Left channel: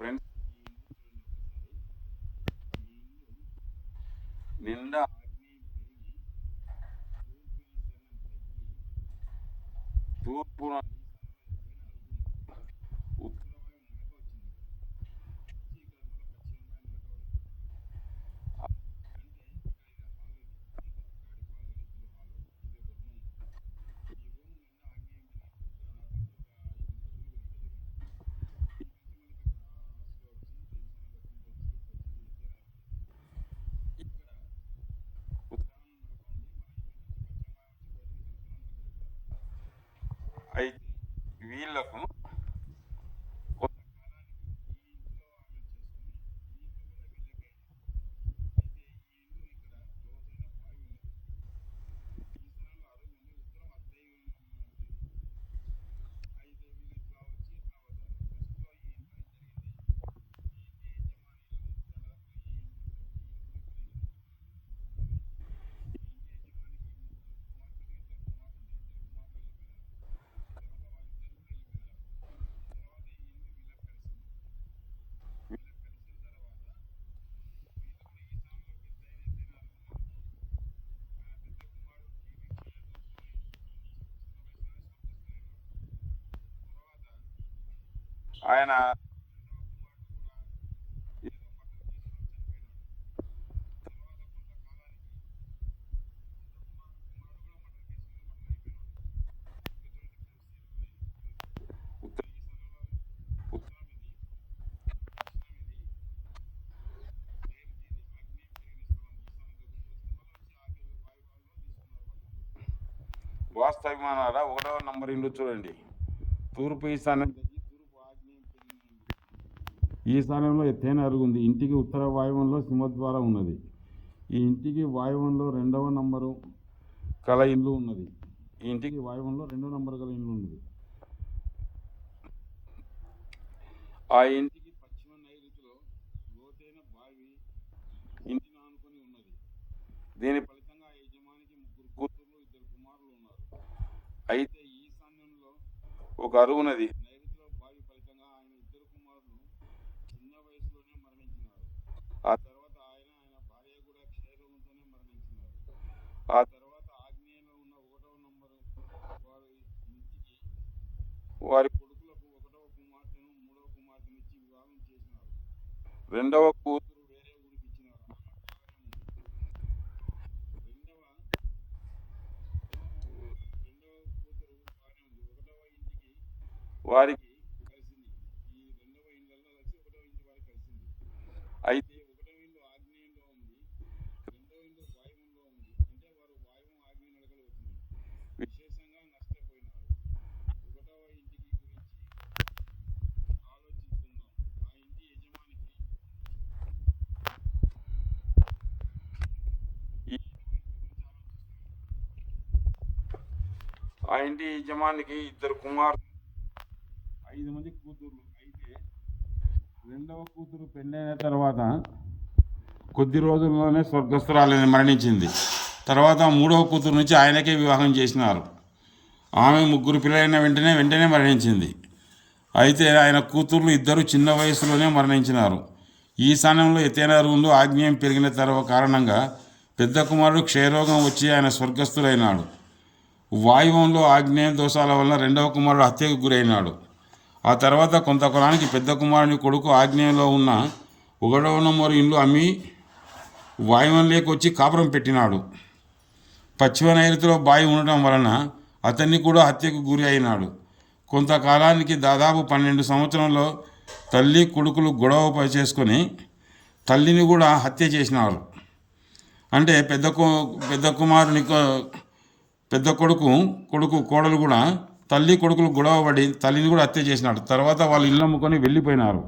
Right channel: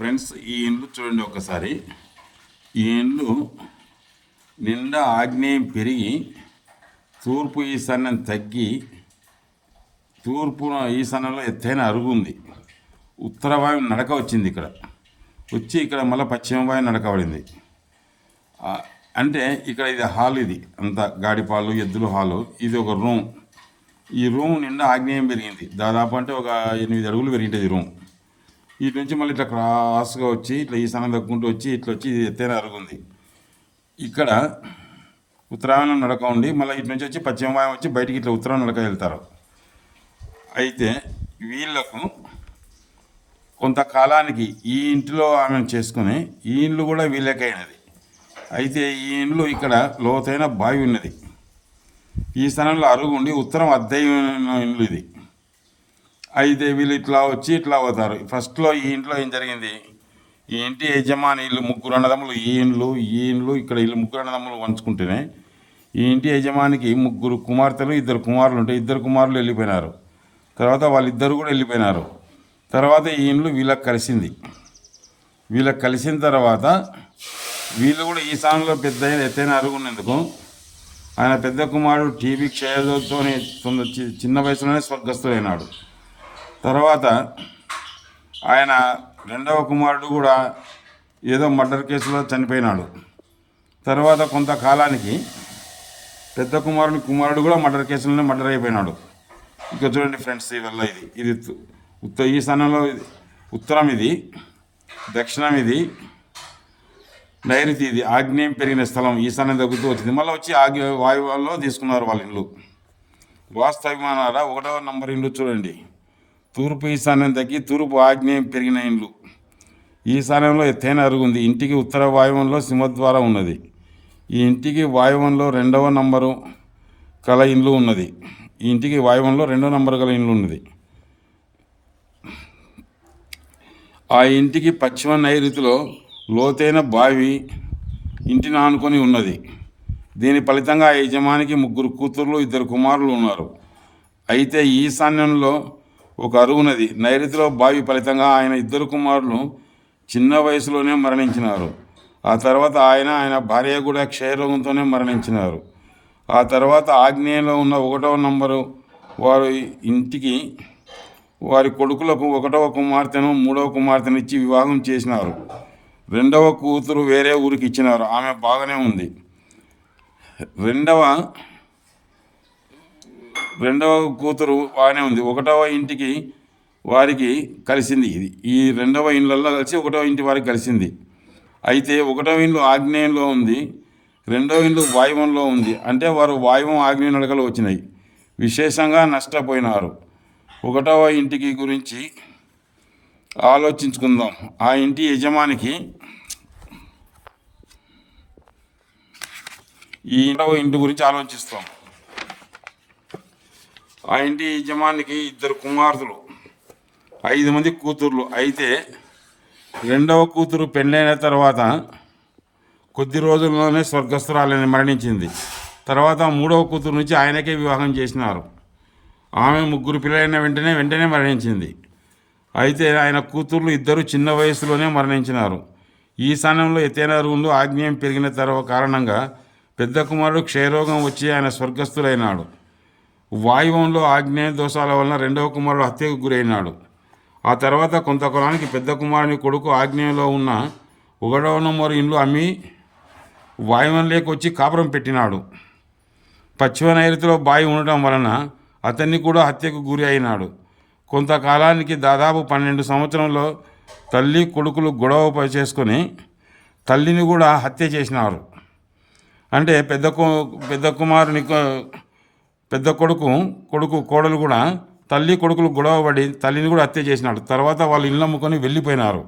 Friends, ఈ ఇండ్లు చూడండి ఒకసారి. ఈ ఇండ్లు నిండా ఆగ్నేయం పెరిగి తూర్పు ఈశాన్యం తగ్గి తూర్పు ఈశాన్యంలో ఎత్తైన అరుగు ఉంది. ఉత్తర వాయువు నడక వచ్చింది ఇక్కడ వచ్చి ఇక్కడ మళ్ళీ పశ్చిమ వాయువు నడక పడింది. అంటే ఇక్కడ ఇది హాల్, ఇది అంతా గాడిపాలు ఎద్దులు హాలు. ఇది ఒక రూమ్. ఈ రూమ్ నిండా ఆగ్నేయం పెరిగింది. దాదాపు అంటే ఒక 8 అడుగులు పెరిగింటుంది రూమ్. ఇటు నుంచి మళ్ళీ ఇట్లా క్రాస్గా వచ్చి ఇట్లా ఈశాన్యం దక్కుంటూ వచ్చి ఇట్లా వచ్చి ఇది ఎత్తైన అరుగుంది. ఇక్కడ ఉత్తరాయణం నడక ఉండి మళ్ళీ ఇటు నుంచి వచ్చి పశ్చిమ వాయువు వచ్చి బయటికి ఇట్లా ఉత్తరాయణ నడక వెళ్తారు. అయితే వీళ్ళకు కొంతకాలానికి ఈ ఇంటిలో ఆమె చేసుకుని ఈ ఇండ్లు కూడా వీళ్ళకైనది. అయితే ఈ ఇండ్లు ఇక్కడ లోతైన బావి ఉన్నది. ఈ స్థానంలో అరుగు ఉండి ఉత్తరం అద్దెన ఇండ్లు ఇది. అయితే వీళ్ళు ఇట్లా వచ్చి ఇట్లా అవుతారు. ఫస్ట్లో ఈ ఇంట్లో ఏం జరిగింది, ఈ ఇంటి యజమాని వీళ్ళు 3 అన్నదమ్ములు, ఈ ఇండ్లు ఇక్కడ వీళ్ళు 3 అన్నదమ్ములు పంచుకుంటేనే ఈ ఇంటి యజమానికి 3 కుమార్తెలు 2 కుమారులు ఉంటే 2 కుమారులు వెళ్ళిపోయినారు. తర్వాత వాళ్ళిద్దరు కూడా వెళ్ళిపోయినారు. తర్వాత ఈ ఇండ్లు వీళ్ళకి కలిసింది. వీళ్ళకి కలిసిన తర్వాత వీళ్ళు కూడా ఈ స్థానంలో పెద్ద ఎత్తైన అరుగున్నందుకు ఆయన పెద్ద కుమారుడు టీబీ క్షయతోనే చిన్న వయసులోనే స్వర్గస్థుడైనాడు. తర్వాత ఆయన రెండవ కుమారుడు కూడా ఏదో మర్డర్ కేసులో చనిపోయినాడు. తర్వాత కొంతకాలానికి పెద్ద కుమారుడు కూడా మర్డర్ కేసులోనే మర్డర్ అయిపోయినాడు. ఇక చూడండి ఫ్రెండ్స్, ఇవల్ల ఇది ఈ స్థానంలో ఉత్తరం, ఇది దక్షిణం, ఇది నైరుతి, ఇది ఆగ్నేయం పెరిగిన స్థలం. ఈశాన్యం తగ్గుతూ వచ్చింది. మళ్ళీ వచ్చి వాయువుల్లో తీసుకున్నారు వాళ్ళ ఇల్లు. వాస్తవిమానాల 1వ నంబర్ ఇల్లు చూడండి. తూర్పు ఈశాన్యం తగ్గి తూర్పు ఆగ్నేయం పెరిగిన ఇండ్లు. ఈశాన్యంలో ఎత్తైన అరుగుంది. ఇంటికి ఉత్తర వాయువంలో సింహద్వారం ఉన్నది. ఈ ఇంటికి వాయువంలో 2వ నంబరు గల ఇండ్లు ఉన్నది. ఈ ఇంటికి వాయువంలో 2వ నంబరు గల ఇండ్లు ఉన్నది. ఆ ఇంటికి పశ్చిమ నైరుతిలో లోతైన బావి ఇంటిని ఆనుకొని ఉన్నది. దీని ఫలితంగా ఆ యజమానికి 3 కూతుర్లు 2 కుమారులు ఉన్నారు. అయితే ఈశాన్యంలో ఒక అరుగున్నది. నైరుతిలో బావి ఫలితంగా ఆయన 2 కుమారులు చిన్న వయసులోనే మరణించినారు. ఆ తర్వాత ఆయన భార్య కూడా క్షయరోగంతోనే మరణించినారు. ఆ తర్వాత ఆగ్నేయంలో ఉన్న 1వ నంబరు వారు ఇంటికి వారి కొడుకులకు 1వ కుమార్తెను 3వ కుమార్తెను ఇచ్చి వివాహం చేసినారు. 2వ కూతురు వేరే ఊరికి ఇచ్చినారు. ఆమె బాగానే ఉంది. రెండవ కూతురు బాగానే ఉంది. 1వ ఇంటికి వారికి కలిసింది. ఈ 2వ ఇండ్లలో కలిసి 1వ ఇంటి వారికి కలిసింది. అయితే 1వ ఇండ్లు ఆగ్నేయంలో ఉంది, 2వ ఇండ్లు వాయువంలో ఉంది. అంటే వారు వాయువం ఆగ్నేయ నడకలు వచ్చినాయి. విశేషంగా నష్టపోయినారు. 1వ ఇంటికి గురించి ఆలోచించుకుందాం. ఆ ఇంటి యజమానికి ఈ 1వ ఇంటి గురించి ఆలోచిస్తాం. ఆ ఇంటి యజమానికి 2 కుమార్తెలు 5 మంది కూతుర్లు. అయితే 2వ కూతురు పెళ్ళైన తర్వాత కొద్ది రోజుల్లోనే స్వర్గస్థురాలని మరణించింది. తర్వాత 3వ కూతురు నుంచి ఆయనకే వివాహం చేసినారు. ఆమె 3 పిల్లలైన వెంటనే మరణించింది. అయితే ఆయన కూతుర్లు 2 చిన్న వయసులోనే మరణించినారు. ఈశాన్యంలో ఎత్తైన అరుగులు ఆగ్నేయం పెరిగిన కారణంగా పెద్ద కుమారుడు క్షయరోగం వచ్చి ఆయన స్వర్గస్థులైనాడు. వాయువంలో ఆగ్నేయ దోషాల వలన 2వ కుమారుడు హత్యకు గురైనాడు. ఆ తర్వాత కొంతకాలానికి పెద్ద కుమారుని కొడుకు ఆగ్నేయంలో ఉన్న 1వ నంబరు ఇండ్లు అమ్మి వాయువంలోకి వచ్చి కాపురం పెట్టినాడు. పశ్చిమ నైరుతిలో బావి ఉండటం వలన అతన్ని కూడా హత్యకు గురి అయినాడు. కొంతకాలానికి దాదాపు 12 సంవత్సరంలో తల్లి కొడుకులు గొడవ చేసుకొని తల్లిని కూడా హత్య చేసినారు. అంటే పెద్ద కుమారుని పెద్ద కొడుకు కోడలు కూడా తల్లి కొడుకులు గొడవ పడి తల్లిని కూడా హత్య చేసినాడు. తర్వాత వాళ్ళు ఇల్లు అమ్ముకొని వెళ్ళిపోయినారు.